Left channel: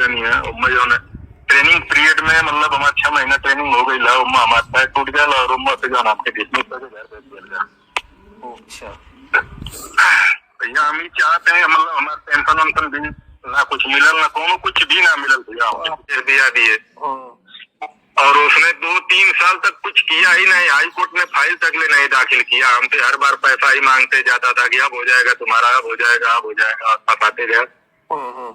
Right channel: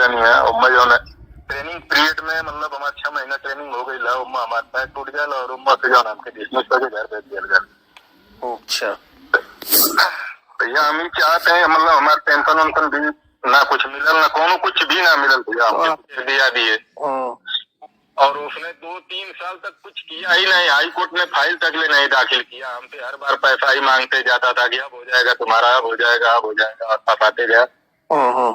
लेनी है। और मैं जो है ट्रेनिंग पीरियड में मतलब हमारे 6 महीना ट्रेनिंग हो गई ला, हमारा पैर टूट गया और से जो हमके डिसमिस करके घर भेज दिया। अच्छा भैया हम ही चाहते हैं मतलब हमारे पेंशन वेंशन भी ना कुछ मिलल ना कोनो कुछ भी ना मिलल भैया, हमको दिया दिए। और उसने 2-3 साल तक कुछ किया ही नहीं, हाई कोर्ट में फाइल तक ले नहीं दाखिल किया। हमसे हर बार पैसा ही मांगते जाता था कि अब हो जाएगा तुम्हारा, अब हो जाएगा, अब हो जाएगा, और फंसाते गया।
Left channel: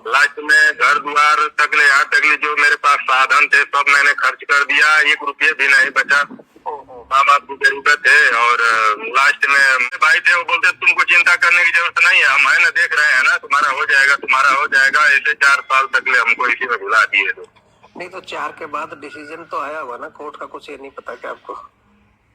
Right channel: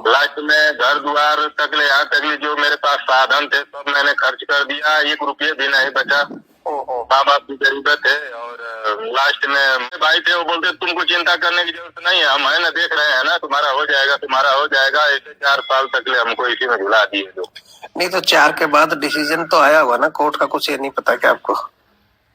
लास्ट में घर द्वार तक ले, यहाँ तक ले जो मेरे पास साधन थे सब मैंने खर्च कर दिया, 1 रुपये भी नहीं बचा। माँ बाप की जरूरत है। और लास्ट में भाई थे वो बोलते तुमको चिंता करने की जरूरत नहीं है, हम है ना देख रहे हैं ना, तुम्हारा हो जाएगा, तुम्हारा हो जाएगा। ऐसे 4 साल तक ले हमको इसी में झुला दिए। तो नहीं तो 4 के बाद डिसीजन तो आया हुआ ना कोर्ट का, कुछ ये नहीं पता क्या आपको?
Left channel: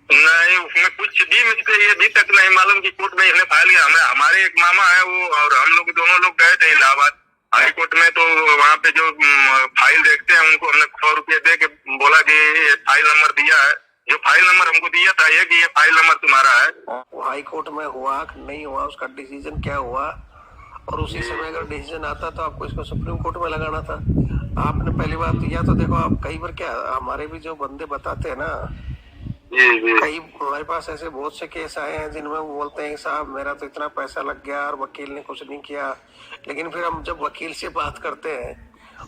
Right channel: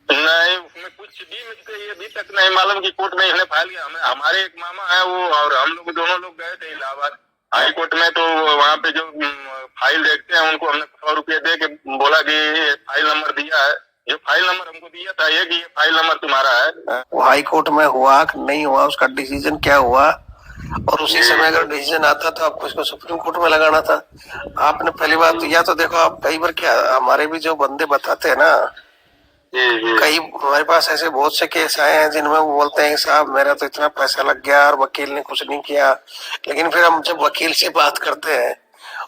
नहीं उसमें कुछ भी मुझको ये भी तक नहीं मालूम कि कोर्ट में इसने फाइल किया। हमें हमारे एक मामा है वो और हम लोग दोनों लोग गए थे इलाहाबाद हाई कोर्ट में। तो वहाँ पे जो फाइल देखते हैं उनको हमने 100 रुपये दे के बोला कि ये फाइल नंबर दिया है, जो फाइल नंबर हमको दिया था ये कि ये फाइल नंबर तुम्हारा है। वो हाई कोर्ट में हुआ कि नहीं हुआ, उसका डिसीजन क्या हुआ? और उसी समय अगर डिसीजन आता तो आपको इसको सुप्रीम कोर्ट में लगाना था। आपने पहली बात या तो देखो, आप कई बार क्या हमारे भी जो बंदे बताते हैं ना, कई हमारे पास ऐसे बहुत से केस आए हैं जिनमें वो बोलते हैं साहब मेरा तो इतना पैसा लग गया और वकील ने कुछ नहीं किया। लेकिन फिर हम जब वकील से बात करते हैं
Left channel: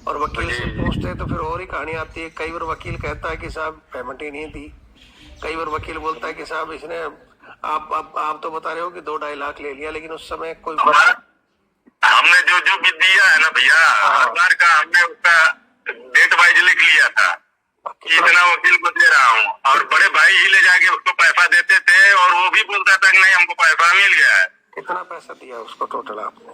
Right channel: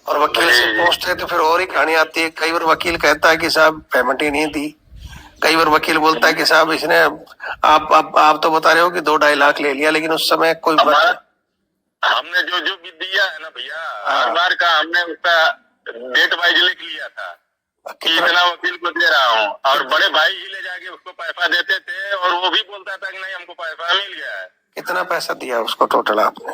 और वकील से पूछते हैं तो फिर और ही कहानी आती है। कई बार वकील कहता है कि साहब पेमेंट ही नहीं दी, कई बार वकील बोलता है कि साहब इसने आप तो बता रहे हो कि 2-2.5 लाख ले लिया, लेकिन उस समय कोई हमने जो भी दिया है ना भैया, हर बार का हमने उसका डेट वाइज लिख लिया था कि इतना वकील को दे रहा हूँ। और बड़े भाई ही ले जाके उसको पैसा देते थे और वो भी बोलता था कि नहीं हमको पैसा मिल गया है। कितना पैसा दिया उसको टोटल आपने?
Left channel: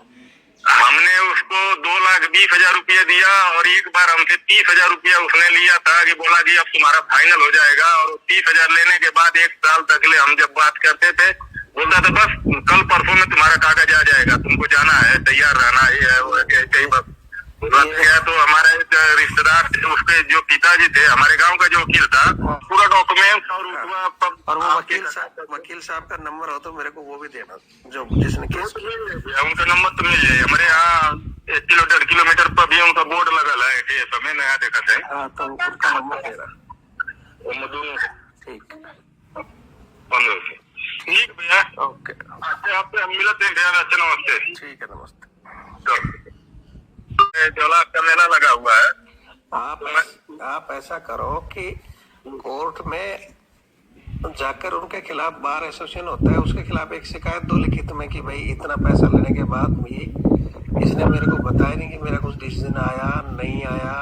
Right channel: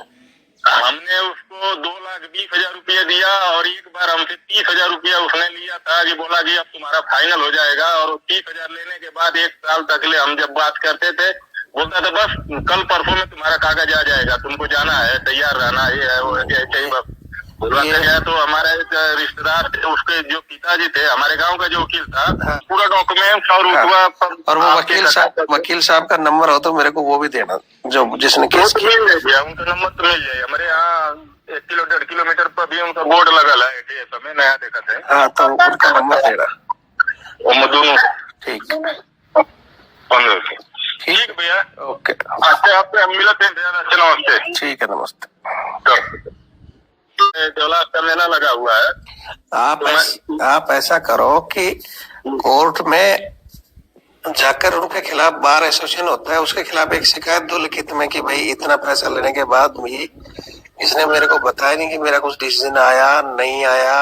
हमने उसको 2,20,000 रुपया दिया और एक बार हमसे 30,000 रुपया उसने लिया था कि बोला कि अब तुम्हारा फाइनल हो जाएगा। और 30,000 लेने के बाद 1 साल तक ले हम जब बात करते थे बोलता था बस कल परसों में तुम्हारा कागज आ जाएगा, तुमको जाना है, तैयार रहना, ये है वो है, ऐसे ही बस बोलते गया। तो हमारा एक रिश्तेदार थे, उसके जो पिताजी थे, हमारे गांव का जो वकील था, पूरा डॉक्यूमेंट और और वो वकील साहब का नंबर हो तो मेरे को वो भी देना, जो जिसने केस किया। उनका नंबर तो मिल जाए। हमारे यहाँ 1-1.5 किलोमीटर पर भी उनका बोर्ड लगा है, समय नया देखा थे। हाँ तो उनका नंबर देना। दोनों ठीक 15 से ठीक भैया, ओके। आपसे हम मिलते हैं भैया, अच्छे नमस्ते। ठीक है, नमस्ते। 2 लाख का मेला लगा हुआ है। आप ऐसा करो कि कोर्ट में जाकर उनके खिलाफ बार एसोसिएशन होता है, उसके खिलाफ एक शिकायत दो लिखित में कि भाई इतना पैसा लेने के बाद भी इसने मेरे को बताया नहीं कि मेरा कुछ डिसीजन आया नहीं आया,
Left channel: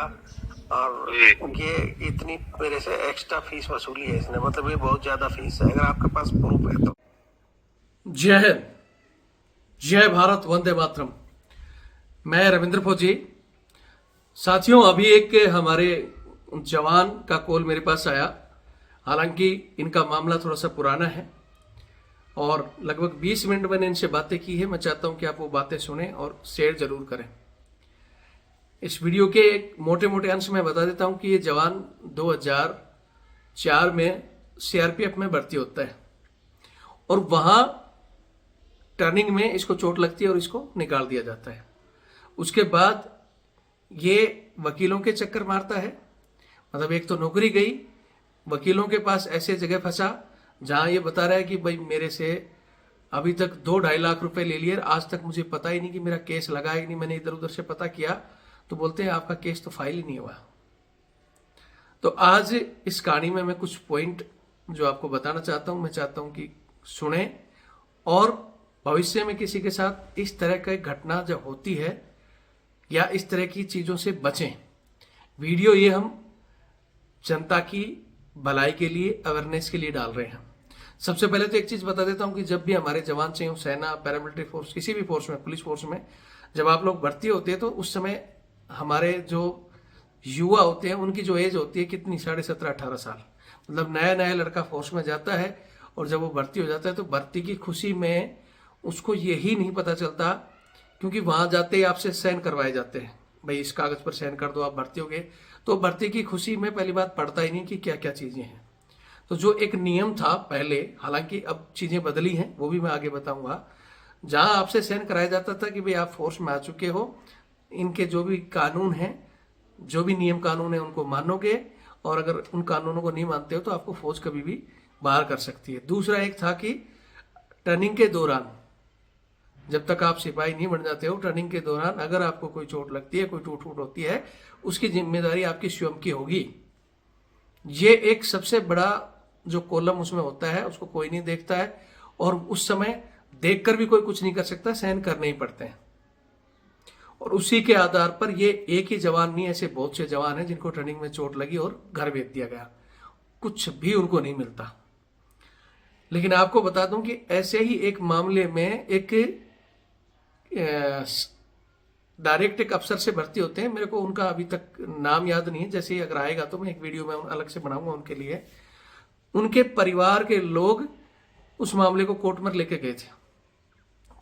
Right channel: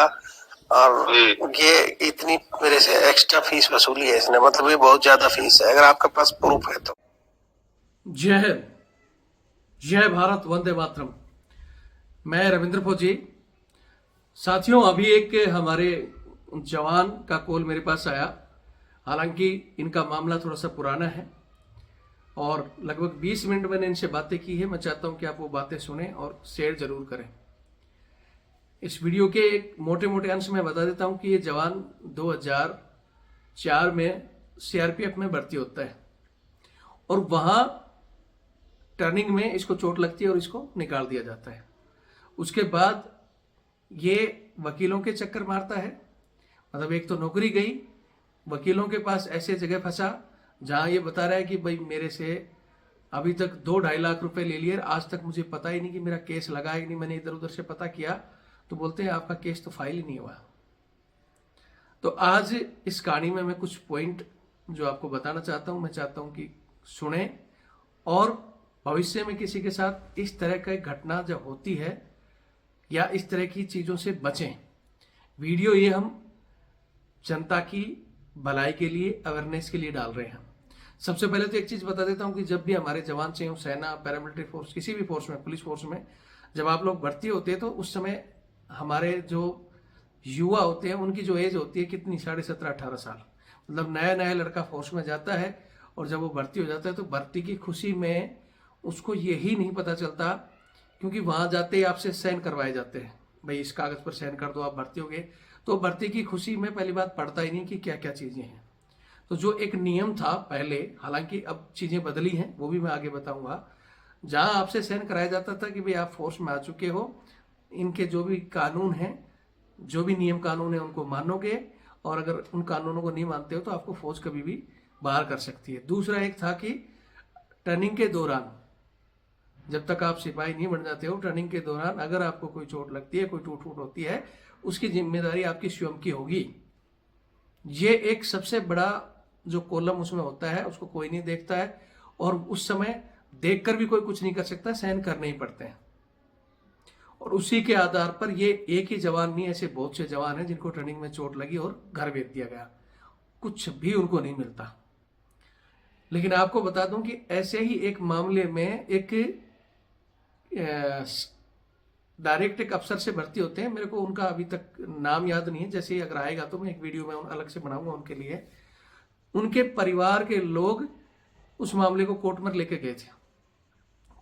और ये इतनी मेरे से एक्स्ट्रा फीस वसूली है इसने, मतलब ये बहुत ज्यादा फीस है। अगर आपके पास प्रूफ है तो। जय हिंद, जय भारत, वंदे मातरम। मैं रविंद्र फौजी। साथियों, अभी एक हमारे जवान का कॉल मेरे पास आया। हालांकि इनका मामला थोड़ा सा पुराना है और लगभग 20 मिनट मैंने इनसे बातें की है। मैं चाहता हूं कि आप वो बातें सुनें और शेयर जरूर करें। इस वीडियो के एक मोटे मोटे अंश में बता देता हूं कि ये जवान 2004 में सीआरपीएफ में भर्ती होता है और वहां टर्निंग में इसको चोट लगती है और इसको निकाल दिया जाता है। उसके बाद ये वकीलों के चक्कर मारता है, मतलब एक तो नौकरी गई, वकीलों के पास ऐसे जगह फंसा जहां ये बता रहा है कि भाई मेरे से अभी तक 2-2.5 लाख रुपए ले लिए, आज तक मुझे पता ही नहीं कि मेरा केस लगा है कि नहीं। मैंने इधर उधर से पता किया तो बोलते हैं आपका केस तो फाइल ही नहीं हुआ। तो आज इस कहानी में मैं कुछ पॉइंट जो आपको बताना चाहता हूं, मैं चाहता हूं कि सुने और भविष्य में किसी के साथ इस तरह की घटना जब होती है या इस तरह की चीजों से बचें। वीडियो ये हम जनता की भलाई के लिए, अवेयरनेस के लिए डाल रहे हैं। सबसे पहले तो एक चीज बता देता हूं कि जब भी हमारे जवान चाहे सेना, पैरामिलिट्री फोर्स, किसी भी फोर्स में, पुलिस फोर्स में जब आप लोग भर्ती होते हैं तो उस समय हमारे जो युवा होते हैं उनकी जो एज होती है कितनी, 17.5-18 साल। मतलब नया नया लड़का फोर्स में जाता है और जब वो भर्ती हो जाता है तो भर्ती की खुशी में उसको यही नहीं पता चलता, क्योंकि वहां जाते ही आपसे साइन करवाए जाते हैं, भाई इस कागज पर साइन कर दो आप भर्ती हो गए। तो भर्ती की खुशी में पहली बात पढ़ता ही नहीं कि क्या क्या चीजें हैं। तो जो एक नियम था पहले, हालांकि अब चीजें बदली हैं, वो भी मैं आगे बताऊंगा, जहां आपसे साइन कराया जाता था कि भाई आप फोर्स में आ चुके हो, इनके जो भी कानून हैं जो भी नियम कानून है उनको मानोगे, और अगर उन कानूनों को नहीं मानते हो तो आपको फौज कभी भी बाहर कर सकती है। दूसरा एक था कि ट्रेनिंग के दौरान, जब तक आप सिपाही नहीं बन जाते हो, ट्रेनिंग के दौरान अगर आपको कोई चोट लगती है, कोई टूट फूट होती है, उसकी जिम्मेदारी आपकी स्वयं की होगी। ये एक सबसे बड़ा जो कॉलम उसमें होता है, उसको कोई नहीं देखता है, और उस समय देखकर भी कोई कुछ नहीं कर सकता, सहन करने ही पड़ते हैं। और उसी के आधार पर ये एक ही जवान नहीं, ऐसे बहुत से जवान हैं जिनको ट्रेनिंग में चोट लगी और घर भेज दिया गया, कुछ भी उनको नहीं मिलता। लेकिन आपको बता दूं कि ऐसे ही एक मामले में एक डायरेक्ट एक अफसर से भर्ती होते हैं, मेरे को उनका अभी तक नाम याद नहीं है, जैसे ही अगर आएगा तो मैं एक वीडियो में अलग से बनाऊंगा उनके लिए। उनके परिवार के लोग उस मामले को कोर्ट में लेके गए थे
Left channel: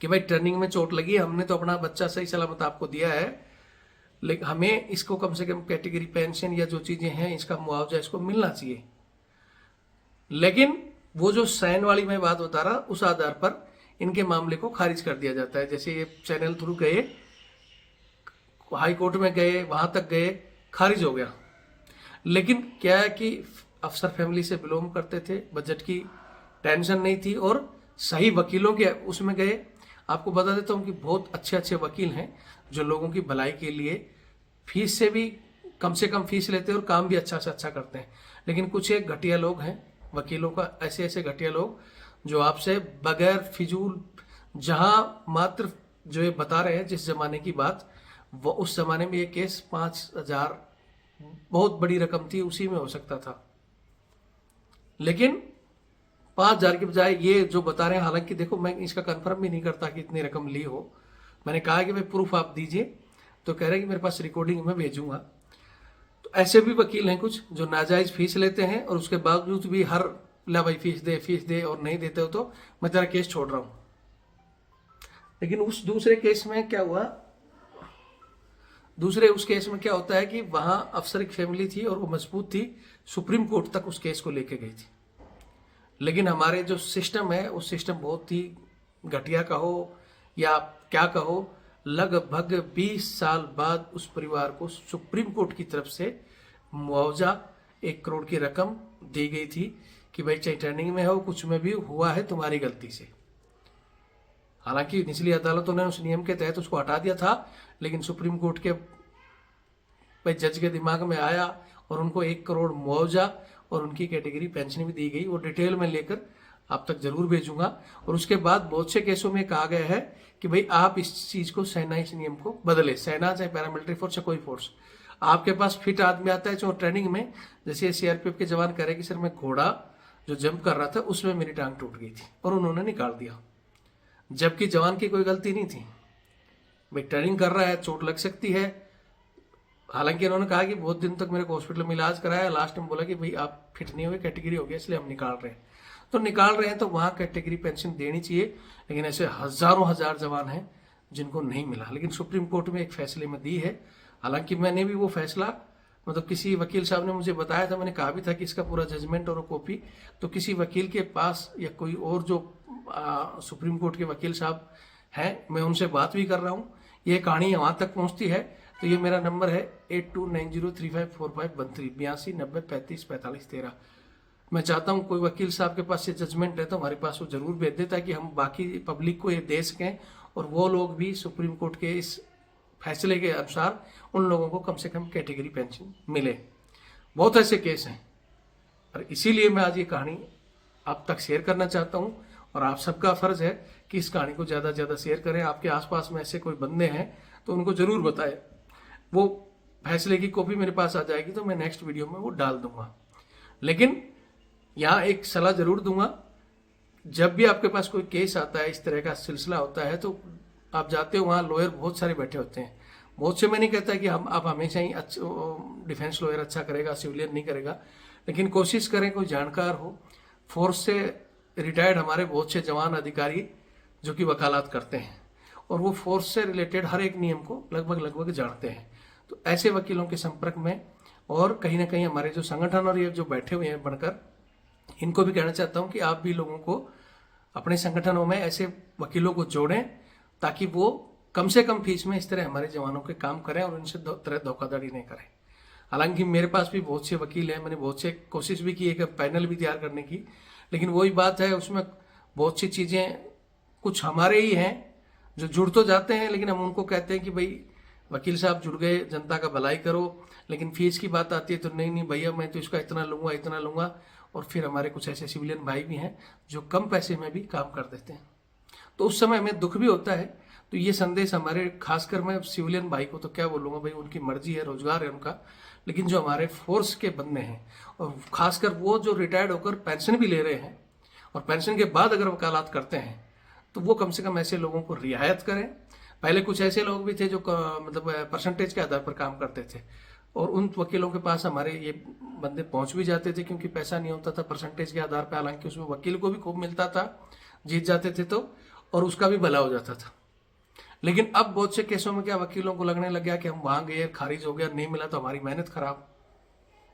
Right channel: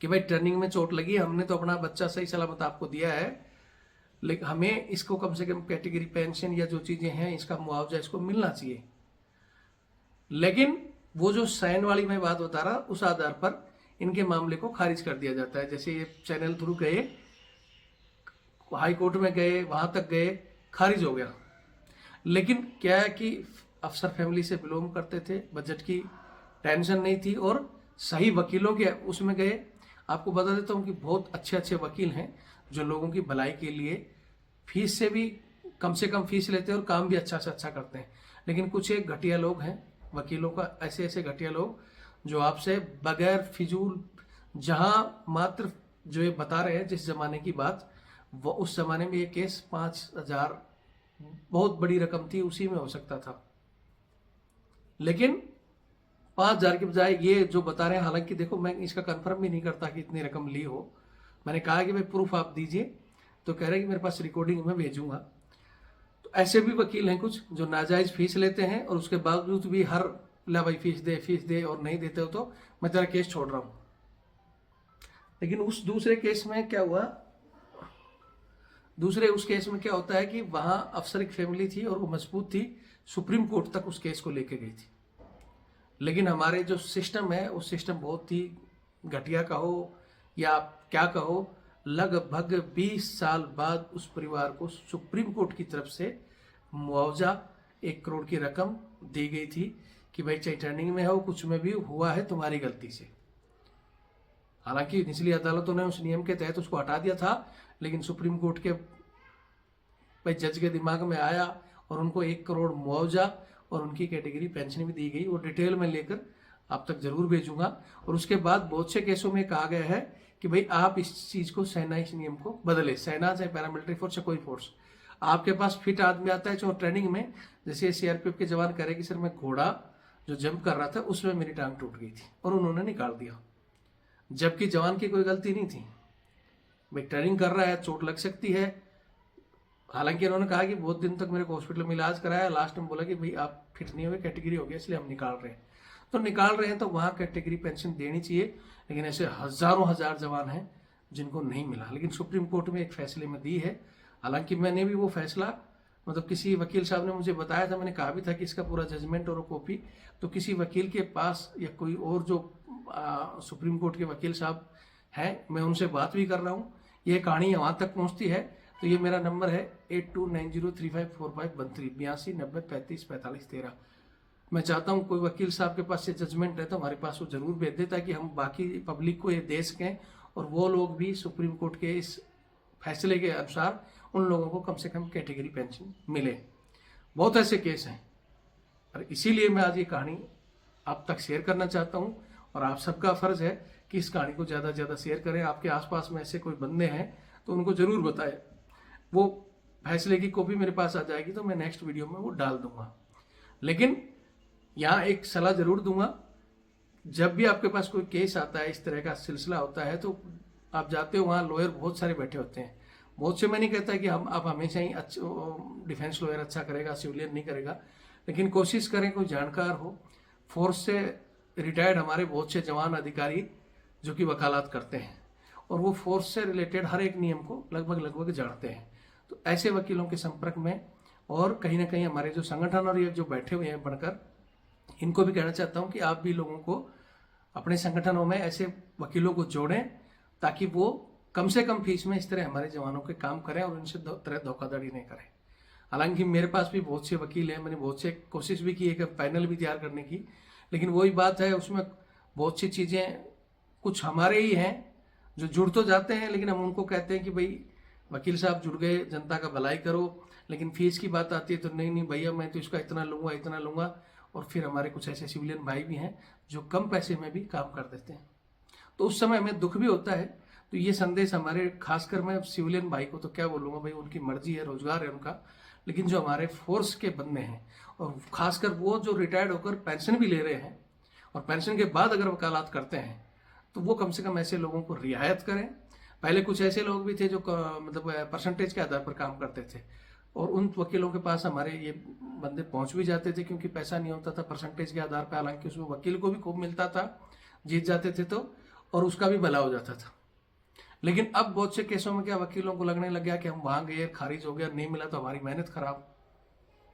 कि भाई ट्रेनिंग में चोट लगी, हमने तो अपना बच्चा सही सलामत आपको दिया है, लेकिन हमें इसको कम से कम कैटेगरी पेंशन या जो चीजें हैं इसका मुआवजा इसको मिलना चाहिए। लेकिन वो जो साइन वाली मैं बात बता रहा, उस आधार पर इनके मामले को खारिज कर दिया जाता है। जैसे ये चैनल थ्रू गए, हाई कोर्ट में गए, वहां तक गए, खारिज हो गया। लेकिन क्या है कि अफसर फैमिली से बिलोंग करते थे, बजट की टेंशन नहीं थी, और सही वकीलों के उसमें गए। आपको बता देता हूँ कि बहुत अच्छे अच्छे वकील हैं जो लोगों की भलाई के लिए फीस से भी कम से कम फीस लेते हैं और काम भी अच्छा से अच्छा करते हैं। लेकिन कुछ एक घटिया लोग हैं वकीलों का, ऐसे ऐसे घटिया लोग जो आपसे बगैर फिजूल, जहां मात्र जो ये बता रहे हैं जिस जमाने की बात, वो उस जमाने में ये केस 5,000 बहुत बड़ी रकम थी, उसी में हो सकता था। लेकिन 5,000 की बजाय ये जो बता रहे हैं, हालांकि देखो मैं इसका कंफर्म भी नहीं करता कि इतनी रकम ली हो, मैंने कहा कि भाई प्रूफ आप दीजिए, तो कह रहे हैं कि मेरे पास रिकॉर्डिंग में भेजूंगा। तो ऐसे भी वकील हैं कुछ जो नाजायज फीस लेते हैं और उसके बावजूद भी हर ला भाई फीस दे, और नहीं देते हो तो मैं तेरा केस छोड़ रहा हूं। लेकिन उस दूसरे केस में क्या हुआ, उस केस में क्या होता है कि वहां अफसर की फैमिली थी और वो मजबूत थी, सुप्रीम कोर्ट तक उस केस को लेके गई थी। लेकिन हमारे जो सिस्टम है, उस सिस्टम बहुत ही घटिया कहो या क्या कहो, लगभग 20 साल बाद उस परिवार को सुप्रीम कोर्ट की तरफ से मुआवजा 1 करोड़ की रकम दी गई थी कि भाई चाहे ट्रेनिंग में हो, कुछ में भी हुआ है तुम्हारी गलती से। हालांकि निचली अदालतों ने उस नियम के तहत उसको हटा दिया था, लेकिन सुप्रीम कोर्ट के भाई जज के दिमाग में आया और उनको 1 करोड़ मुआवजा और उनकी कैटेगरी पेंशन भी दी गई। वो डिटेल में लेकर आप तक जरूर भेजूंगा। और उसके बाद बहुत से केसों में कहा गया है कि भाई आप इस चीज को, सेना इस नियम को बदले, सेना चाहे पैरामिलिट्री फोर्स या कोई फोर्स, आपके पास फिट आदमी आता है जो ट्रेनिंग में, जैसे सीआरपीएफ के जवान कह रहे कि सर मैं घोड़ा जो जंप कर रहा था उसमें मेरी टांग टूट गई थी और उन्होंने निकाल दिया, जबकि जवान की कोई गलती नहीं थी। भाई ट्रेनिंग कर रहा है, चोट लग सकती है। हालांकि उन्होंने कहा कि बहुत दिन तक मेरे को हॉस्पिटल में इलाज कराया, लास्ट में बोला कि भाई आप फिट नहीं हुए, कैटेगरी हो गया, इसलिए हम निकाल रहे हैं। तो निकाल रहे हैं तो वहां कैटेगरी पेंशन देनी चाहिए। लेकिन ऐसे हजारों हजार जवान हैं जिनको नहीं मिला, लेकिन सुप्रीम कोर्ट में एक फैसले में दी है। हालांकि मैंने भी वो फैसला, मतलब किसी वकील साहब ने मुझे बताया था, मैंने कहा भी था कि इसका पूरा जजमेंट और कॉपी तो किसी वकील के पास या कोई और जो सुप्रीम कोर्ट के वकील साहब हैं, मैं उनसे बात भी कर रहा हूँ। ये कहानी वहां तक पहुंचती है तो ये मेरा नंबर है 8290354513 8290354513। मैं चाहता हूँ कोई वकील साहब के पास ये जजमेंट है तो हमारे पास वो जरूर भेज दे, ताकि हम बाकी पब्लिक को ये दे सकें और वो लोग भी सुप्रीम कोर्ट के इस फैसले के अनुसार उन लोगों को कम से कम कैटेगरी पेंशन मिले। बहुत ऐसे केस हैं और इसीलिए मैं आज ये कहानी आप तक शेयर करना चाहता हूँ। और आप सबका फर्ज है कि इस कहानी को ज़्यादा से ज़्यादा शेयर करें। आपके आसपास में ऐसे कोई बंदे हैं तो उनको ज़रूर बताएं। वो फैसले की कॉपी मेरे पास आ जाएगी तो मैं नेक्स्ट वीडियो में वो डाल दूंगा। लेकिन यहाँ एक सलाह जरूर दूंगा, जब भी आपके पास कोई केस आता है, इस तरह का सिलसिला होता है, तो आप जाते हो वहाँ लॉयर बहुत सारे बैठे होते हैं। बहुत से मैं नहीं कहता कि आप हमेशा ही डिफेंस लॉयर अच्छा करेगा, सिविलियन नहीं करेगा, लेकिन कोशिश करें कोई जानकार हो। फोर्स से रिटायर्ड हमारे बहुत से जवान अधिकारी जो कि वकालत करते हैं और वो फोर्स से रिलेटेड हर एक नियम को लगभग जानते हैं। तो ऐसे वकीलों के संपर्क में, और कहीं ना कहीं हमारे जो संगठन और ये जो बैठे हुए हैं बनकर, इनको भी कहना चाहता हूं कि आप भी लोगों को अपने संगठनों में ऐसे वकीलों को जोड़ें ताकि वो कम से कम फीस में इस तरह हमारे जवानों के काम करें और उनसे तरह धोखाधड़ी नहीं करें। हालांकि मेरे पास भी बहुत से वकील हैं, मैंने बहुत से कोशिश भी की है कि पैनल भी तैयार करने की, लेकिन वही बात है, उसमें बहुत सी चीज़ें कुछ हमारे ही हैं जो जुड़ तो जाते हैं, लेकिन हम उनको कहते हैं कि भाई वकील साहब जुड़ गए, जनता का भलाई करो, लेकिन फीस की बात आती है तो नहीं नहीं भैया मैं तो इसका इतना लूँगा, और फिर हमारे कुछ ऐसे सिविलियन भाई भी हैं जो कम पैसे में भी काम कर देते हैं, तो उस समय हमें दुख भी होता है। तो ये संदेश हमारे, खासकर मैं सिविलियन भाई को तो क्या बोलूँगा भाई, उनकी मर्जी है, रोजगार है उनका, लेकिन जो हमारे फोर्स के बंदे हैं और खासकर वो जो रिटायर्ड होकर पेंशन भी ले रहे हैं और पेंशन के बाद अगर वकालत करते हैं तो वो कम से कम ऐसे लोगों को रियायत करें। पहले कुछ ऐसे लोग भी थे जो मतलब परसेंटेज के आधार पर काम करते थे, और उन वकीलों के पास हमारे ये बंदे पहुंच भी जाते थे क्योंकि पैसा नहीं होता था परसेंटेज के आधार पर, हालांकि उसमें वकील को भी खूब मिलता था, जीत जाते थे तो, और उसका भी भला हो जाता था। लेकिन अब बहुत से केसों में क्या वकीलों को लगने लग गया कि हम वहां गए, खारिज हो गया, नहीं मिला तो हमारी मेहनत खराब,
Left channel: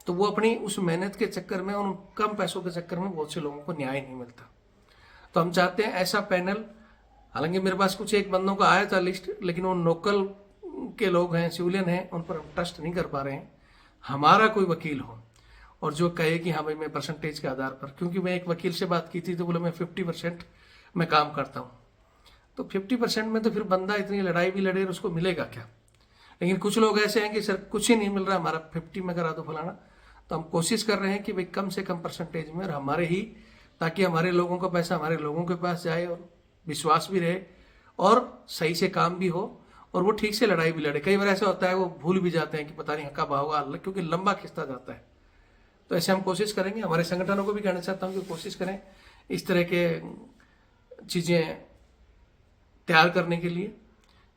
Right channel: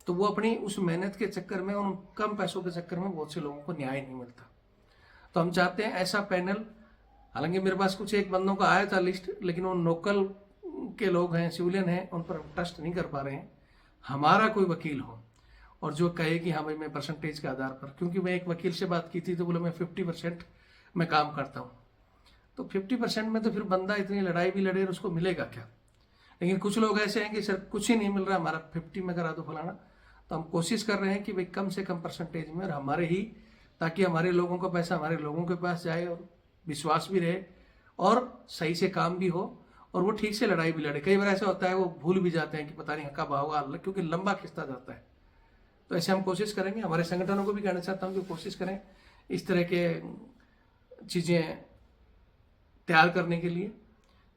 तो वो अपनी उस मेहनत के चक्कर में, उन कम पैसों के चक्कर में बहुत से लोगों को न्याय नहीं मिलता। तो हम चाहते हैं ऐसा पैनल, हालांकि मेरे पास कुछ एक बंदों का आया था लिस्ट, लेकिन वो लोकल के लोग हैं, सिविलियन हैं, उन पर हम ट्रस्ट नहीं कर पा रहे हैं। हमारा कोई वकील हो और जो कहे कि हाँ भाई मैं परसेंटेज के आधार पर, क्योंकि मैं एक वकील से बात की थी तो बोले मैं 50% में काम करता हूँ, तो 50% में तो फिर बंदा इतनी लड़ाई भी लड़े और उसको मिलेगा क्या। लेकिन कुछ लोग ऐसे हैं कि सर कुछ ही नहीं मिल रहा, हमारा 50 में करा दो फलाना, तो हम कोशिश कर रहे हैं कि भाई कम से कम परसेंटेज में, और हमारे ही, ताकि हमारे लोगों का पैसा हमारे लोगों के पास जाए और विश्वास भी रहे और सही से काम भी हो और वो ठीक से लड़ाई भी लड़े। कई बार ऐसा होता है वो भूल भी जाते हैं कि पता नहीं हक्का होगा, क्योंकि लंबा खिंचता जाता है। तो ऐसे हम कोशिश करेंगे, हमारे संगठनों को भी कहना चाहता हूँ कि कोशिश करें इस तरह के चीज़ें तैयार करने के लिए,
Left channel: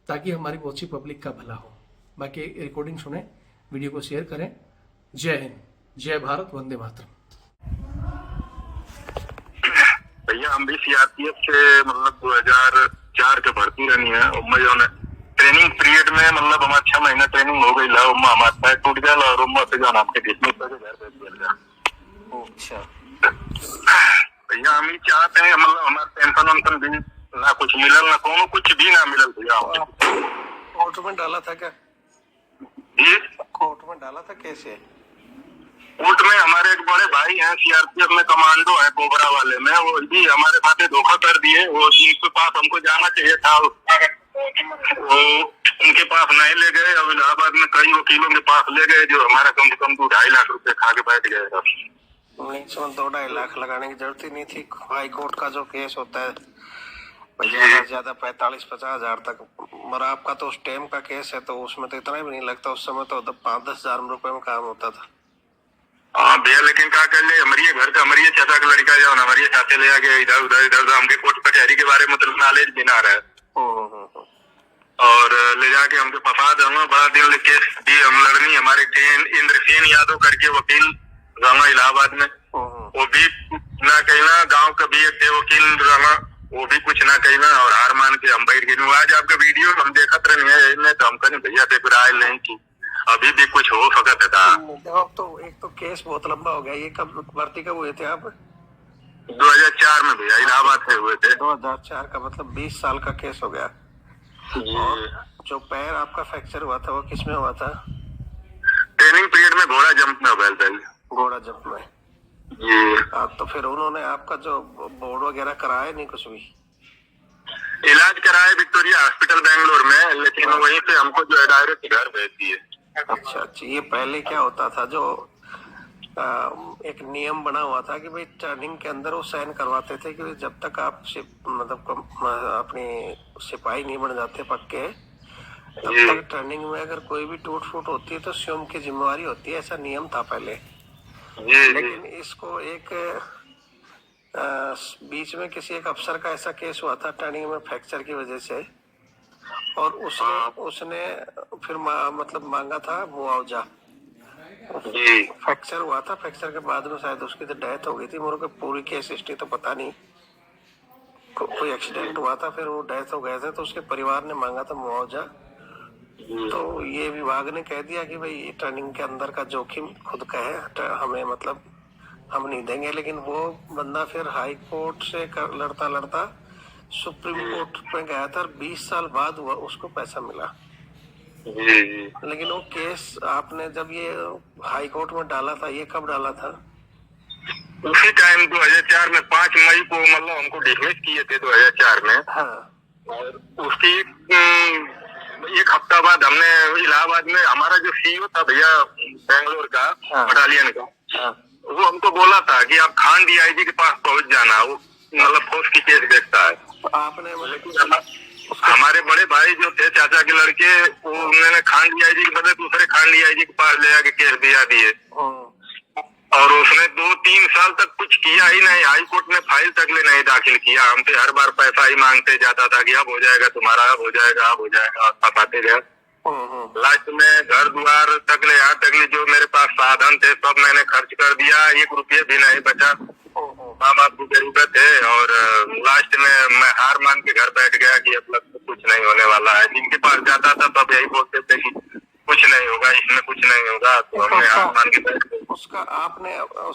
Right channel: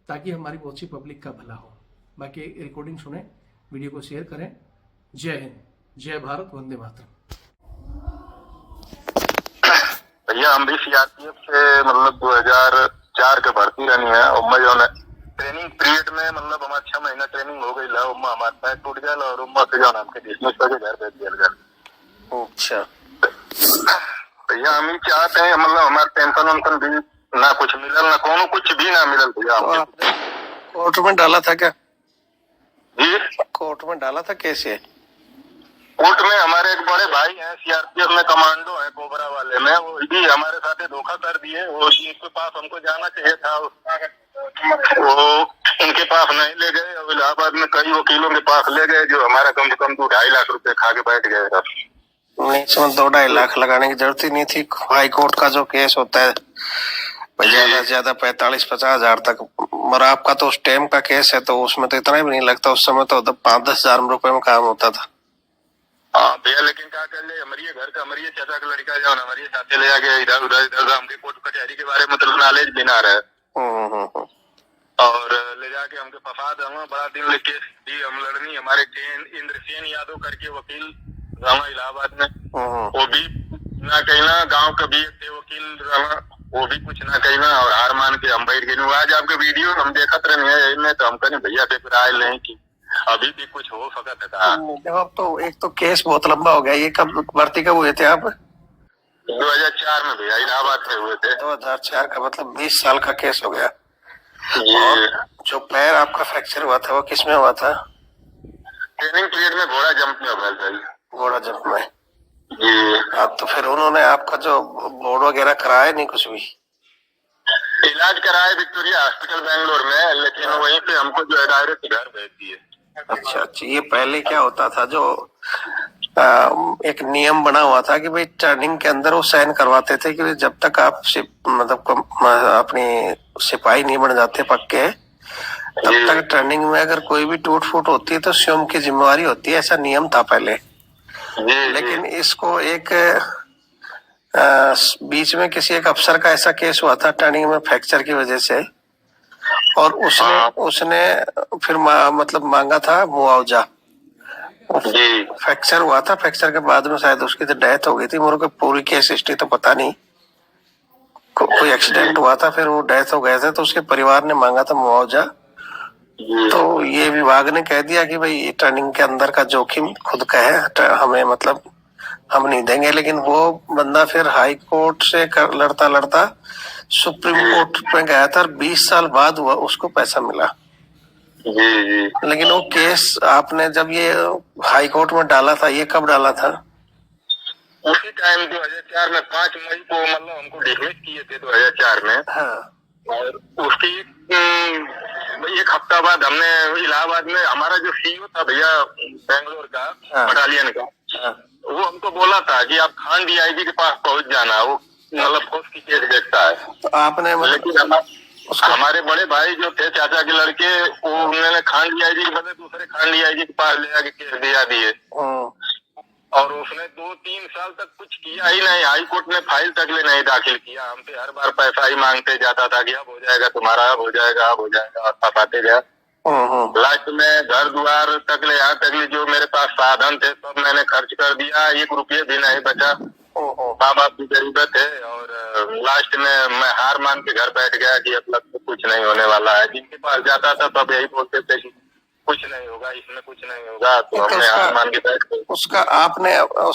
ताकि हमारी बहुत सी पब्लिक का भला हो। बाकी रिकॉर्डिंग सुने, वीडियो को शेयर करें। जय हिंद, जय भारत, वंदे मातरम। भैया हम भी सीआरपीएफ से मतलब 2004 के भर्ती रहनी है, और मैं जो ट्रेनिंग पीरियड में मतलब हमारा 6 महीना ट्रेनिंग हो गई है, हमारा पैर टूट गया और उम्मा से जाना हमके डिसमिस करके घर भेज दिया गया। अच्छा भैया हम ही चाहते हैं मतलब हमारा पेंशन वेंशन भी ना कुछ मिलल, ना कोनो कुछ भी ना मिलल भैया। तो आपने कोर्ट में डाला था क्या? जी कोर्ट में डाला था, कैसे? कोर्ट में हमारे एक बड़े भाई हैं, सीआरपीएफ में कमांडो है, कोबरा वाले में, वो भी हमारे साथ धोखा कर दिए। वो जिनके पास हमको जाना चाहिए था वो उनके पास नहीं ले गए, अब इलाहाबाद में कई वकीलों के पास ले गए जो हमारा कम से कम 2-2.5 लाख रुपए खा के बैठ गए। नहीं, इसमें 2-2.5 लाख लगाने की जरूरत ही नहीं थी। हाई कोर्ट का जो केस होता है ज्यादा से ज्यादा 45-50 हजार तक, मगर आपका तो उस टाइम का केस है तो उसमें तो इतना भी नहीं लगता। उस समय तो 5-10 हजार रुपए में काम होता था। हाँ भैया, लेकिन क्या कर ले, हमारे घर का हमारे चाचा का लड़का जाओ, हमारे चाचे ले जाके इधर उधर हमके कोर्ट कचहरी के बारे में मतलब नॉलेज भी ना रहे, और ले जाके हमके फंसा दे। बड़ा दिन केस दी हम लड़नी, हमारे इंद्रसेन यादव करके वकील रहा इलाहाबाद में, वो भी ना कहना, गांव का भी एक वकील रहा, वो भी कुछ ना कहना, और हार मान के हम बैठ गए। आज आपके वीडियो हम देखते रहे तो हम कहें भैया से राय नहीं की, अभी भी कुछ हो सकता था। अब तो एक तो केस बहुत लंबा हो गया। ये कब भर्ती कब हुए थे आप? 2004 में भैया, इलाहाबाद से हुए थे। 2004 का मतलब 20 साल का केस हो गया। जो पैर आपका फ्रैक्चर हुआ था वो किस में हुआ था? ट्रेनिंग पीरियड में घोड़ा जंप में हुआ था। घोड़ा जंप में जी। तो फिर उन्होंने आपका जो बोर्ड वगैरह कराया नहीं कुछ भी? इलाज कराया विक्टोरिया हॉस्पिटल बेंगलोर में, लेकिन वहीं पे हमको जो है डायरेक्ट घर भेज दिए। अच्छा, ये पहले क्या होता था, जो एक नियम बना हुआ था कि भाई टर्निंग के अंदर वो साइन करवाते थे कि जब तक आप मतलब अपनी सिपाही नहीं बन जाते पक्के, तब तक टर्निंग में अगर कोई भी टूट फूट होती है तो स्वयं की जिम्मेवारी होती है। ऐसा नियम था पहले। लेकिन इसको एक बीच में किसी एक अफसर का ऐसा केस हुआ था टर्निंग में फ्रैक्चर की वजह से, और उसने फिर मतलब मांगा था मुआवजा। फ्रैक्चर हुआ था, फ्रैक्चर के बाद में शायद उसकी तो डेथ हो गई थी। मेरे को पूरी केस हिस्ट्री तो पता नहीं, कोई एक्सीडेंट हुआ था फिर वो डेथ हो गया था, तो उसके परिवार ने मांगा था मुआवजा। तो ये विभाग ने कह दिया कि भाई टर्निंग के अंदर का जोखिम खुद का है, हमें मतलब हम नहीं देंगे। लेकिन वो बंदा फिर हाई कोर्ट से लड़ता लड़ता सुप्रीम कोर्ट में गया था, और 20 साल बाद उसको पैसा मिला। जी जी। लेकिन वो केस आपने जब ये हाई कोर्ट में डाला था, ये कब डाला था? उसी टाइम 2004 में 5 मई को मतलब हमको डिसमिस किए थे 2004 में। हाँ और उसकी एक हफ्ता बाद हमने इलाहाबाद में, हमारा जो सीईओ था भैया बेंगलोर का, हाँ। बटालियन का, हाँ वो हमको बोला था कि आप खान डीआईजी के पास पहुंच जाना, वो मतलब फौज की केस देखता है। तो आपने लेकिन हमारे बड़े भाई जो थे, चाचा के लड़के, वो उन्होंने खान डीआईजी के बदले दूसरे खान डीआईजी के पास ले जाके केस दिया दिए। और उसने 2-3 साल तक कुछ किया ही नहीं, हाई कोर्ट में फाइल तक ले नहीं दाखिल किया। हमसे हर बार पैसा ही मांगते जाता था कि अब हो जाएगा तुम्हारा, अब हो जाएगा, अब हो जाएगा, और फंसाते गया। लास्ट में घर द्वार तक ले, यहाँ तक ले जो मेरे पास साधन थे सब मैंने खर्च कर दिया, 1 रुपये भी नहीं बचा। माँ बाप की जरूरत है, और लास्ट में मैं हार मान के घर बैठ गया कि अब लग कुछ नहीं होने वाला है। जिनके पास जाता था तब यही बोलते थे कि कुछ नहीं होगा, इसमें कुछ नहीं होगा, तो हमने हार मान के बैठ गए। उसका आपने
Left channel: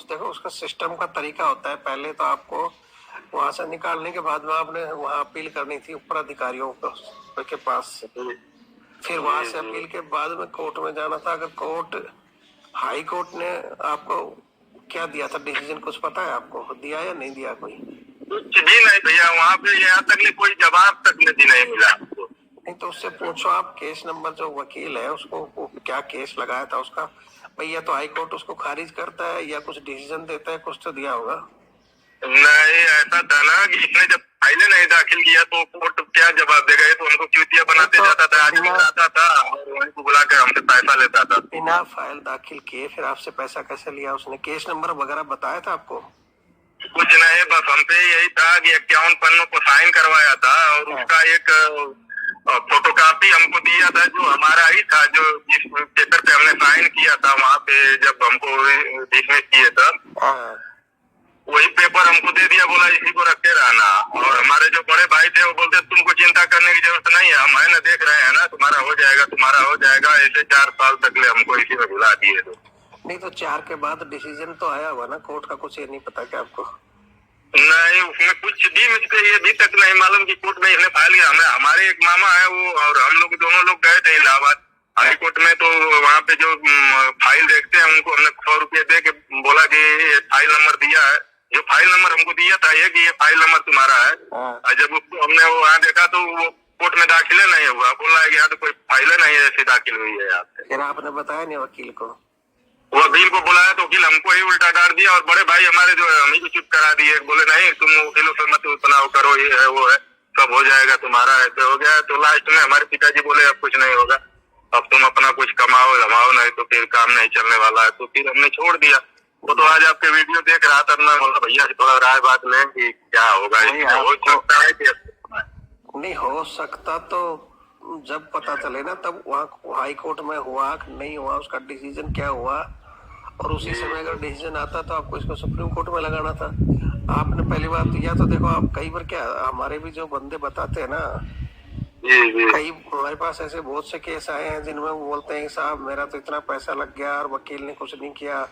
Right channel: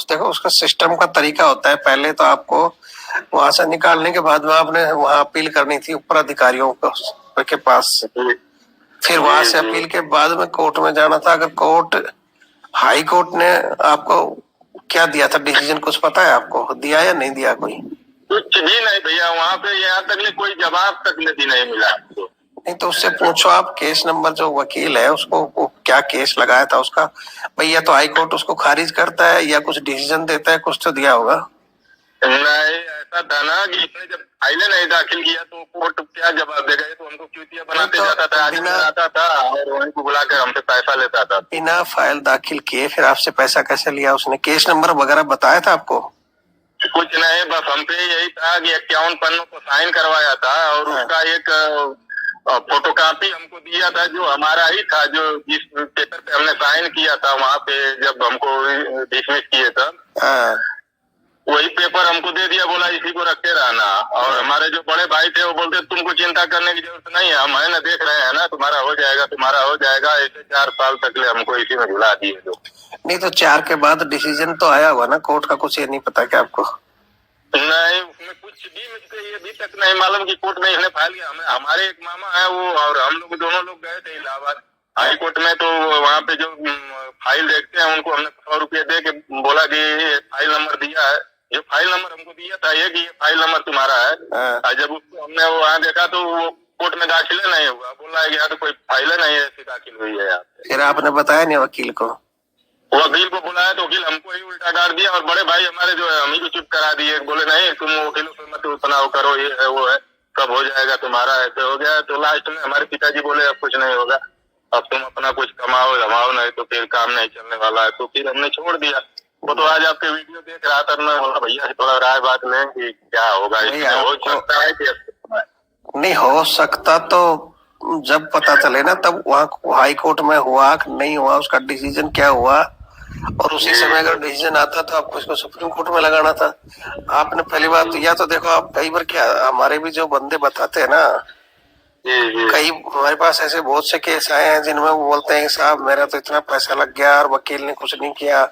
देखो, उसका सिस्टम का तरीका होता है। पहले तो आपको वहां से निकालने के बाद में आपने वहां अपील करनी थी ऊपर अधिकारियों के पास, फिर वहां से अपील के बाद में कोर्ट में जाना था। अगर कोर्ट, हाई कोर्ट ने आपको क्या दिया था डिसीजन, कुछ पता है आपको? दिया या नहीं दिया कोई? कुछ भी नहीं भैया, वहाँ पे यहाँ तक ले कोई जवाब तक भी नहीं मिला हमको। नहीं तो उससे पूछो आप, केस नंबर जो वकील है उसको, क्या केस लगाया था उसका। भैया तो हाई कोर्ट उसको खारिज करता है या कुछ डिसीजन देता है, कुछ तो दिया होगा। नहीं, ऐसा था ना कि इसने जब फाइलें नहीं दाखिल किया तो कोर्ट क्या जवाब देगा? ये तो उनको चूतिया बनाते जाता था, आदमी आता था और उनको बुलाकर हमसे पैसा लेता था। बिना फाइल दाखिल किए फिर आपसे पैसा कैसे लिया उसने? केस नंबर वगैरह बताया था आपको? कुछ नहीं, बस हमसे यही था कि 51 पन्नों को साइन करवाया था, और उसका एक फोटोकॉपी हमको दिया था, जो हमारा ही था, जो जिस पेपर पे हमने साइन किया था वहाँ पे जब हमको डिसमिस किए था, वही पेपर हमको दे दिया, बोला इसी को रखते रहना। और हमारे जो बड़े भाई थे वो बोलते तुमको चिंता करने की जरूरत नहीं है, हम है ना, देख रहे हैं ना, तुम्हारा हो जाएगा, तुम्हारा हो जाएगा। ऐसे 4 साल तक ले हमको इसी में भुला दिए। तो नहीं तो 4 के बाद डिसीजन तो आया हुआ ना कोर्ट का, कुछ ये नहीं पता क्या आपको? नहीं, उसमें कुछ भी मुझको ये भी तक नहीं मालूम कि कोर्ट में इसने फाइल किया। हमारे एक मामा है वो, और हम लोग दोनों लोग गए थे इलाहाबाद हाई कोर्ट में, तो वहाँ पे जो फाइल देखते हैं उनको हमने 100 रुपये दे के बोला कि फाइल नंबर दिया है। जो फाइल नंबर हमको दिया था ये कि ये फाइल नंबर तुम्हारा है। और जब उसको हमने वो वहाँ देखा तो वो कोर्ट में दाखिले नहीं हुआ, बोला है कि यहाँ तो कोई फाइल नहीं ऐसी दाखिल हुई है यहाँ पे। फिर आपने बताया नहीं वकील को? वकील को बुलाया तो वकील हमको ही उल्टा डाल दिया, और बड़े भाई हमारे जो है हम ही को चुप करा दिए। बोले नहीं, तुम वकीलों से मत उतना करो, ये है वो है, सब हो जाएगा तुम्हारा, ऐसे हो गया। तो लास्ट में हमारे पिताजी बोले अब कुछ नहीं होगा, अब तुम अपना कुछ कमाओ जमाओ, नहीं तो फिर काम नहीं चलने वाला है। तो फिर हमने छोड़ दिया। वो तो आज आपके वीडियो देख रहा था, मैं बोला भैया से थोड़ा राय बात लें कि क्या होगा, इसमें हो सकता है कि नहीं हो सकता। तो जब पता चले ना तब वहाँ हाई कोर्ट में हुआ कि नहीं हुआ, उसका डिसीजन क्या हुआ, और उसी समय अगर डिसीजन आता तो आपको इसको सुप्रीम कोर्ट में लगाना था। आपने पहली बात तो, या तो देखो आप कई बार, क्या हमारे भी जो बंदे बताते हैं ना, कई हमारे पास ऐसे बहुत से केस आए हैं जिनमें वो बोलते हैं साहब मेरा तो इतना पैसा लग गया और वकील ने कुछ नहीं किया।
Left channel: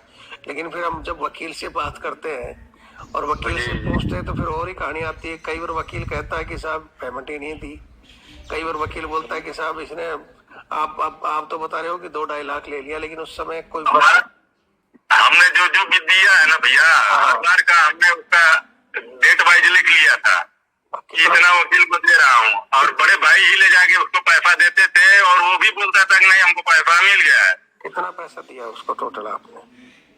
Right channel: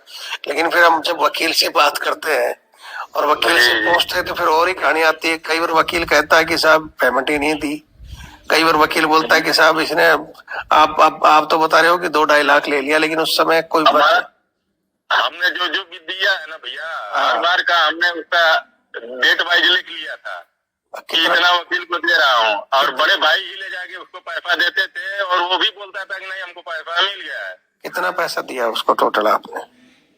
लेकिन फिर हम जब वकील से बात करते हैं और वकील से पूछते हैं तो फिर और ही कहानी आती है। कई बार वकील कहता है कि साहब पेमेंट ही नहीं दी, कई बार वकील बोलता है कि साहब इसने आप तो बता रहे हो कि 2-2.5 लाख ले लिया, लेकिन उस समय कोई हमने जो भी दिया है ना भैया, हर बार का हमने उसका डेट वाइज लिख लिया था कि इतना वकील को दे रहा हूँ, और बड़े भाई ही ले जाके उसको पैसा देते थे, और वो भी बोलता था कि नहीं हमको पैसा मिल गया है। कितना पैसा दिया उसको टोटल आपने?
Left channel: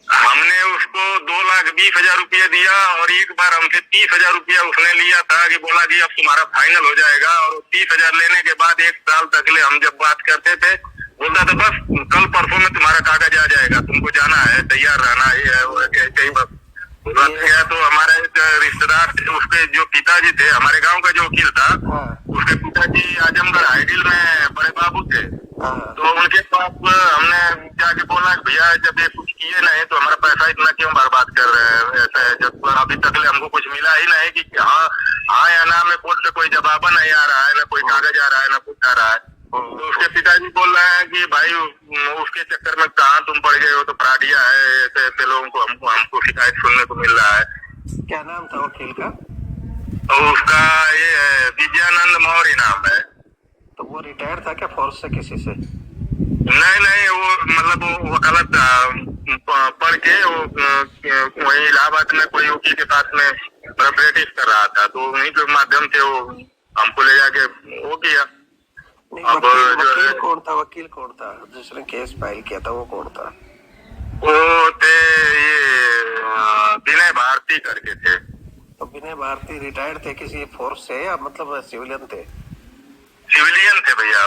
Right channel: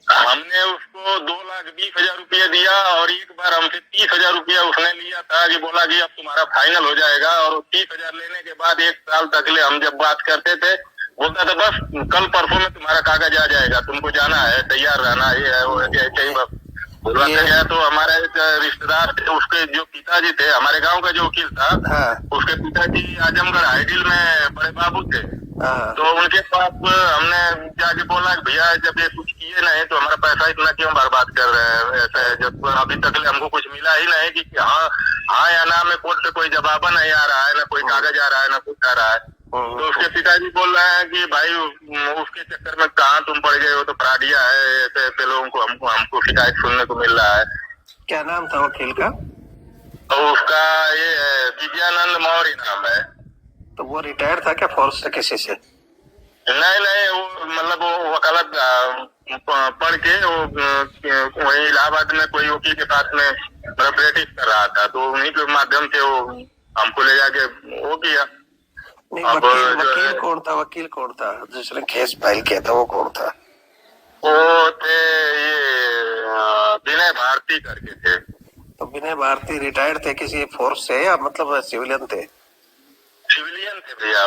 हमने उसको 2,20,000 रुपया दिया, और एक बार हमसे 30,000 रुपया उसने लिया था कि बोला कि अब तुम्हारा फाइनल हो जाएगा। और 30,000 लेने के बाद 1 साल तक ले हम जब बात करते थे, बोलता था बस कल परसों में तुम्हारा कागज आ जाएगा, तुमको जाना है, तैयार रहना, ये है वो है, ऐसे ही बस बुलाते गया। तो हमारा एक रिश्तेदार थे, उसके जो पिताजी थे, हमारे गांव का जो वकील था, उसके पिताजी आजमगढ़ हाईडिल में बड़े बाबू थे। तो उनके पास हमने जाके बोला भैया जब ये कुछ किए नहीं तो हमारा पैसा इतना क्यों बर्बाद कर रहे हैं, ऐसे जब अभी तक हमको कुछ मिला ही नहीं कि हाँ या ना में कोर्ट से कोई जवाब नहीं आ रहा है, ना कोई कागज आ रहा है, ना कुछ आ रहा है। तो उसके पिताजी बोल रहे हैं कि भाई उसके चक्कर में कहाँ तुम पड़ गए हो, तो फ्रॉडिया है, ऐसे ऐसे लोगों को हमको शिकायत सुनने को मिल रहा है। क्या नाम था वकील का? और उसका ये विजयानंद मौर्य नाम है। तो वो रिटायर्ड था क्या फोर्स से किसी से? नहीं नहीं, वो मतलब वो वकालत पढ़ के वो वही इलाहाबाद में कोई वकील के पास में प्रैक्टिस कर रहा था, तो उन्हीं के माध्यम से वो हमको ले जाके वो किया। नहीं, अब वकील कौन था? वकील कौन था जिसने केस फाइल किया था? वो कौन था? वो थे ये विनय भारती करके थे। तो विनय भारती रिटायर्ड थे किसी फोर्स से या मतलब सिविलियन थे? सिविलियन थे भैया,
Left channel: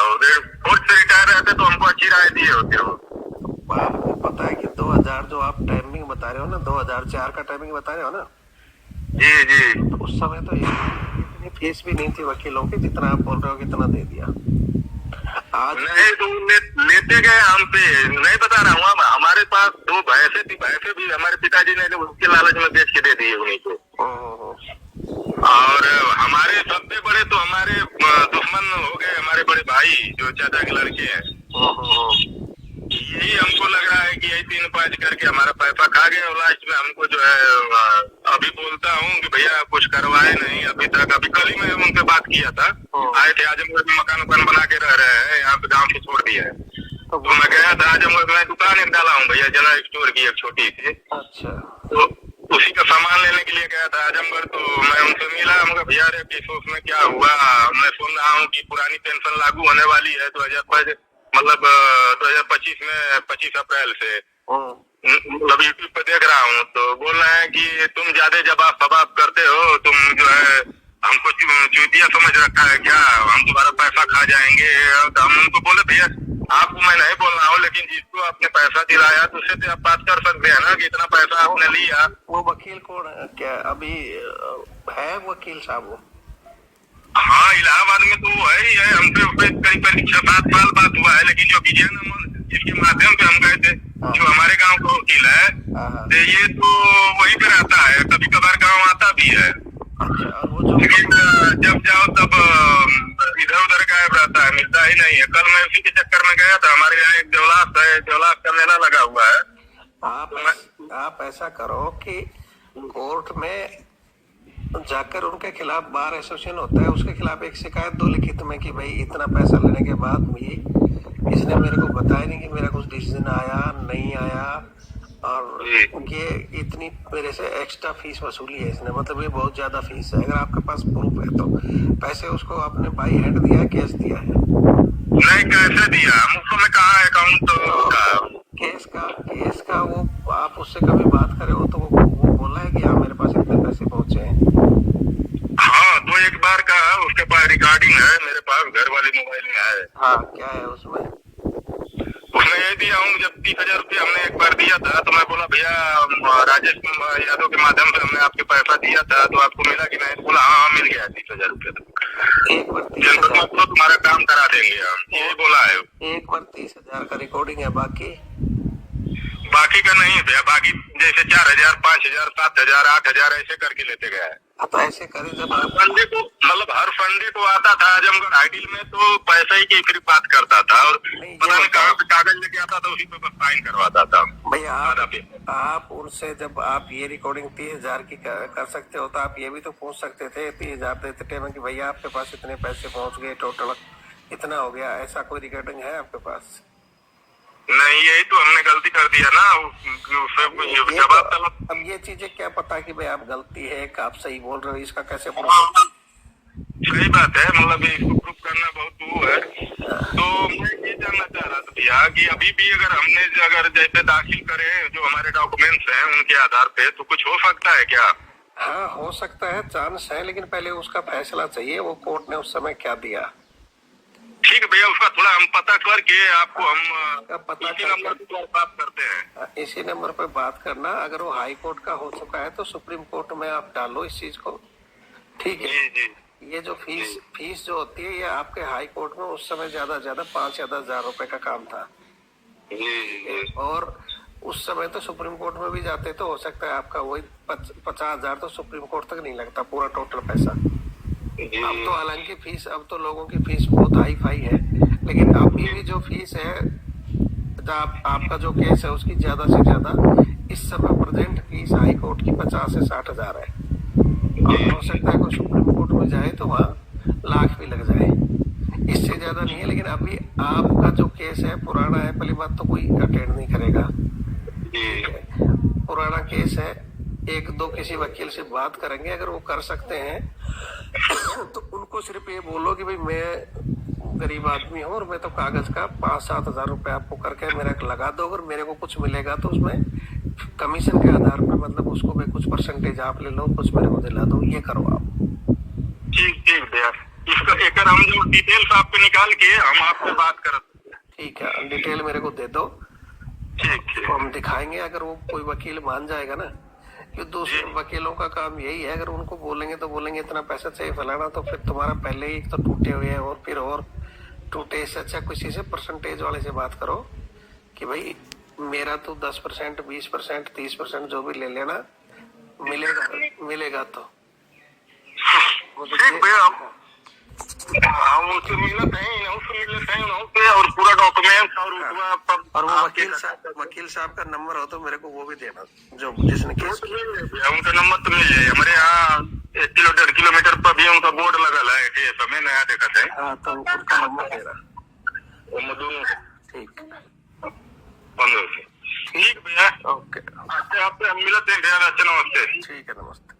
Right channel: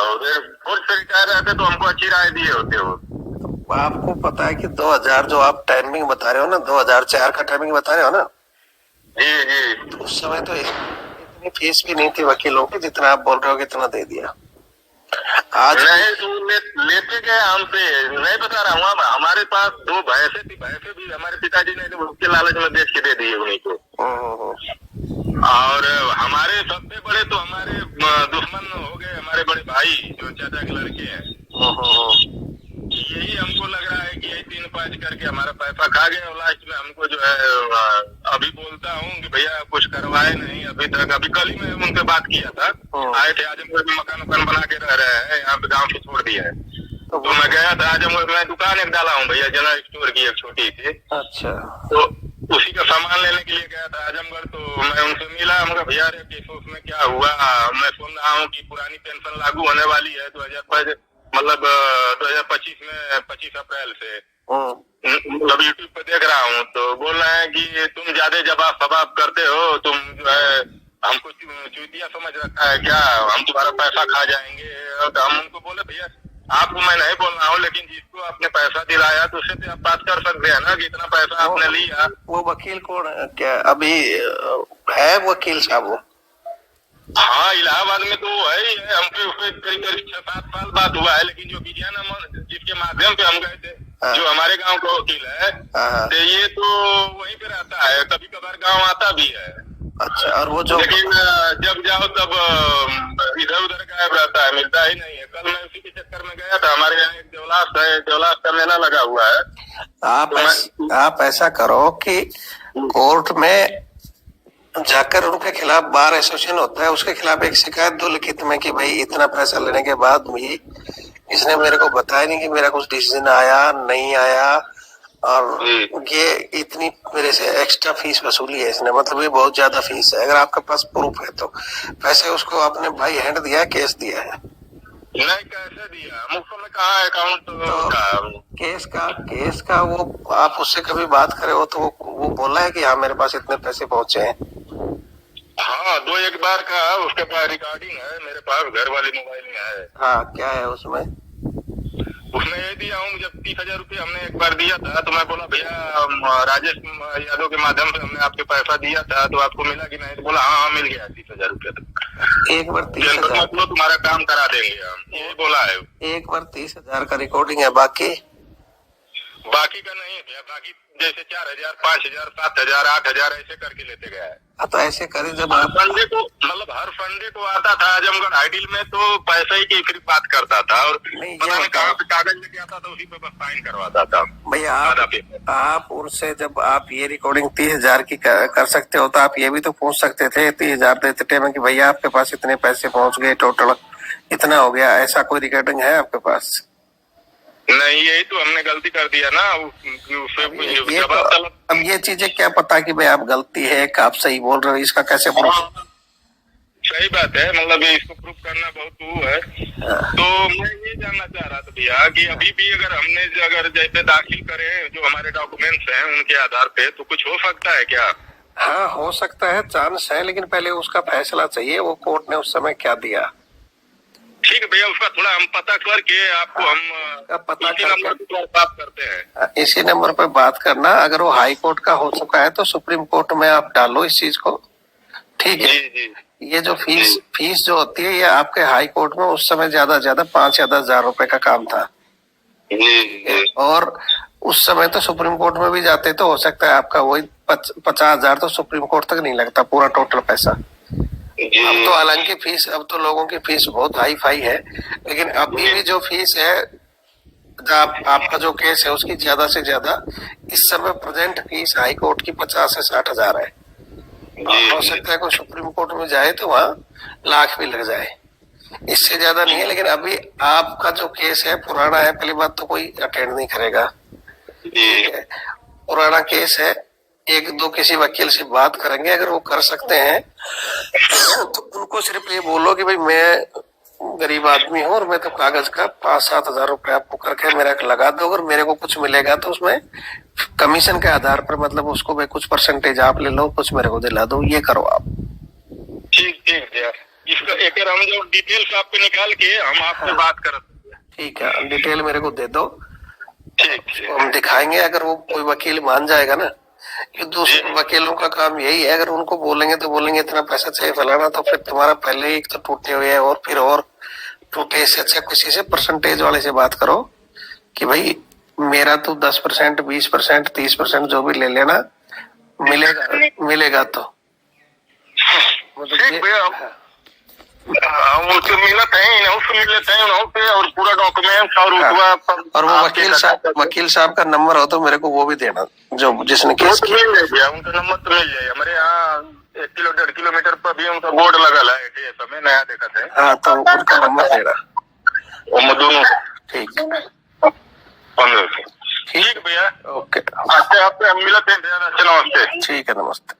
फोर्स से रिटायर रहते तो हमको अच्छी राय दिए होते वो। तो आपको पता है कि 2000 जो आप टाइमिंग बता रहे हो ना, 2004 का टाइमिंग बता रहे हो ना? जी जी। तो उस समय तो इतनी फीस भी नहीं थी वकीलों की जितना आप बोल रहे हो, कितना दे दिया आज? नहीं तो लेते गए हमसे, नहीं बता रहा हूँ, हमारे पास 2 भैंसे थी, भैंसे भी हमारे पिताजी ने उसके लालच में बेच के दे दिए उन्हीं को। और हमारे सबसे बड़े तो हमारे दुश्मन हो गए, हमारे बड़े भाई जो चाचा के लड़के हैं। यही हमको लग रहा है कि यही 3-5 करके हमारा पैसा खा गए, और लास्ट में हमको जो है अभी बोलता हूँ कि भैया कुछ करवाए नहीं अभी तक। अभी कल ही मैं उनसे बात किया था, आए थे आजमगढ़ में, मकान वकान बना के रह रहे हैं, यहाँ पे गाँव से छोड़ दिया है। तो मैं गया था आजमगढ़ में, दुकान एक डाला हूँ भैया, जनरल स्टोर की एक छोटी सी। अच्छा। तो उसी का सामान लेने के लिए गया था आजमगढ़, तो मैं उनसे मिला, मगर भैया रे केस उसमें क्या हुआ? मैं सुन रहा हूँ कि पुरानी पेंशन लागू होने वाली है 2025 मतलब 2025 में 25 अप्रैल से। मतलब यूट्यूब पे देख रहा हूँ तो बोल रहे हैं कि तुम ज्यादा जवाब सवाब करते हो, तुम जो है हमको चूतिया समझ रखा है क्या? हम तुम्हारा पैसा खा जाएंगे। तो हम उनको बोले भैया आपको मैं नहीं बोल रहा हूँ, लेकिन जिसको आपने पैसा दिलाया तो उससे तो आप बात कर सकते हैं ना कि इतना पैसा आपने लिया। वो वकील कौन है? क्या अभी है वकील साहब वो? हाँ, इलाहाबाद में तो है ही है। हमसे उससे करीब 6-7 साल बात हुआ है, लेकिन जो विजय जिसके माध्यम से हम गए थे, जो हमारे गांव का वकील है, तो ये तो वहीं पे रहता है, कभी कभार गांव आता भी है। अच्छा। और वो जो लेकिन जब जाओ तब इधर उधर गायब रहता है, मिलता ही नहीं है। कल मैं उसी के चक्कर में गया था, हमारे यहाँ एक देवलास है, देवलास का मेला लगा हुआ है। आप ऐसा करो कि कोर्ट में जाकर उनके खिलाफ, बार एसोसिएशन होता है, उसके खिलाफ एक शिकायत दो लिखित में कि भाई इतना पैसा लेने के बाद भी इसने मेरे को बताया नहीं कि मेरा कुछ डिसीजन आया नहीं आया, और ये इतनी मेरे से एक्स्ट्रा फीस वसूली है इसने, मतलब ये बहुत ज्यादा फीस है। अगर आपके पास प्रूफ है तो पैसे उसको आपने भाई हैंड दिया है, कैश दिया है? नहीं, कैसे दिया? मुफ्त में कहा अकाउंट केस का वो आप उससे कभी बात करे हो तो वो बोला है कि हाँ मेरे पास इतने पैसे पहुंचे हैं? हाँ, 2-1 बार का उसके पास रिकॉर्डिंग है, मेरे पास घर वाले मोबाइल में है। हाँ, क्या है उसमें? उसने ये दिया हूँ, जब 30,000 रुपया हमने एक बार दिया था तो मैं बोला भैया राजेश यादव के माध्यम से हमने आपके पैसा दिया था तो आपको मिला कि नहीं? तो बोला हाँ मिल गया 30,000 रुपया। तो एक बार 30,000 तो तुम्हारा काम करा देंगे हम, यही बोला है। एक बार 30,000 का रिकॉर्डिंग है, बाकी का नहीं भैया। बाकी जैसे 4,000, 5,000, 7,000, 8,000 ऐसे करके लेते गया है। तो ऐसे करे जब हर संडे को, मतलब हर संडे को आता था आजमगढ़ आइडियल में, तो पैसे ही की फिर बात करता था, और पता नहीं कहाँ पे कागज लेके आता था, उसी पे बस साइन करवाता था। भैया आप उनसे जब आप ये रिकॉर्डिंग 30,000 की कर सकते हो तो आप ये भी तो पूछ सकते थे 30,000 देते टाइम कि भैया आपके पास इतने पैसे पहुंच गए, टोटल इतना हो गया, ऐसा कोई रिकॉर्डिंग है आपके पास? नहीं, यही तो हमने गलती कर दिया ना, उससे जवाब चला। अब ये चीजें क्या पता कि भाई आप गलती है कि आप सही बोल रहे हो, इसका कैसे प्रूफ? सही बात है, मतलब इसको प्रूफ करना बहुत वो है। तो मैं ये जानना चाह रहा था भैया कि अभी भी अगर जैसे दाखिल करें जो हमारे डॉक्यूमेंट्स हैं उनके आधार पे, तो कुछ हो सकता है क्या? हाँ, हो सकता है, चांस है, लेकिन पहले उसका फैसला चाहिए, वो कोर्ट ने उस समय क्या दिया। ठीक है भैया, उसका थोड़ा हम पता करके आपको हम पता करके बात करते हैं। इसी नंबर पर बात करना। अगर वो हाई कोर्ट का हो चुका है तो सुप्रीम कोर्ट में आप डालो इस चीज को, ठीक है? जी। ये जो फीस जो होती है, ये आपके हाई कोर्ट में उस समय ज्यादा 5 या 10,000 रुपए का काम था। और उस समय तो सुप्रीम कोर्ट में भी जाते तो हो सकता है आपका वही 50,000 तो सुप्रीम कोर्ट तक नहीं लगता पूरा टोटल पैसा। अब तो हालांकि फीस, अब तो लोगों की फीस बहुत हाई फाई है, लेकिन अभी भी जो फीस है, आपका जो केस है उसकी ज्यादा से ज्यादा इस समय प्रेजेंट फीस हाई कोर्ट की 50 से 60,000 है। हो सकता है कोई सुप्रीम कोर्ट में जाए तो वहाँ लाख भी लग जाए। इससे ज्यादा नहीं है, लेकिन अभी आपका जो केस है पुराना है, पहली बात तो कोई अटेंड नहीं करेगा। ठीक है, पुराना केस है, एक दो किसी वकील से बात करेंगे, अगर वो कर सकते हैं तो उनको सिर्फ ये बोलो कि भाई मैं गरीब आदमी हूँ और मैं तो कागज का 5-7 हजार रुपए आपको करके मेरा लगा दो, अगर मेरे को कुछ मिलेगा तो उसमें कमीशन के आधार पर, मतलब उसको भाई कुछ परसेंटेज आप ले लो, कुछ मेरे को दिला दो, ये करो आप। ठीक ठीक भैया, इसका एक हम जो डिटेल्स आपको निकाल के हम आपसे बात करते। ठीक है, डिटेल मेरे को दे दो, ठीक तो हम दिखाएंगे। अगर वो कोई वकील मान जाएगा ना, कि दूसरे वकीलों का काम यही है, अगर उनको बोलेंगे तो बोलेंगे इतना पैसा चाहिए फैलाना, तो फिर तुम्हारा पहले ही एक तो टूटे हुए है और फिर और टूटे। इससे अच्छा किसी से परसेंटेज वाले से बात करो कि भाई मेरा तो 10%, 20%, 30% जो भी ले लेना, मिलेगा तो ठीक भैया, हम उनसे मिलते हैं, उससे मिलते हैं उनसे, और पूरा डॉक्यूमेंट और और वो वकील साहब का नंबर हो तो मेरे को वो भी देना, जो जिसने केस किया। मिल जाएगा, उनका नंबर तो मिल जाएगा। हमारे यहाँ 1 किलोमीटर पर भी उनका बोर्ड लगा है, समय नया देखा है। हाँ, तो उनका नंबर देना दोनों। ठीक 15 से। ठीक भैया, ओके, आपसे हम मिलते हैं भैया। नमस्ते। ठीक है, नमस्ते।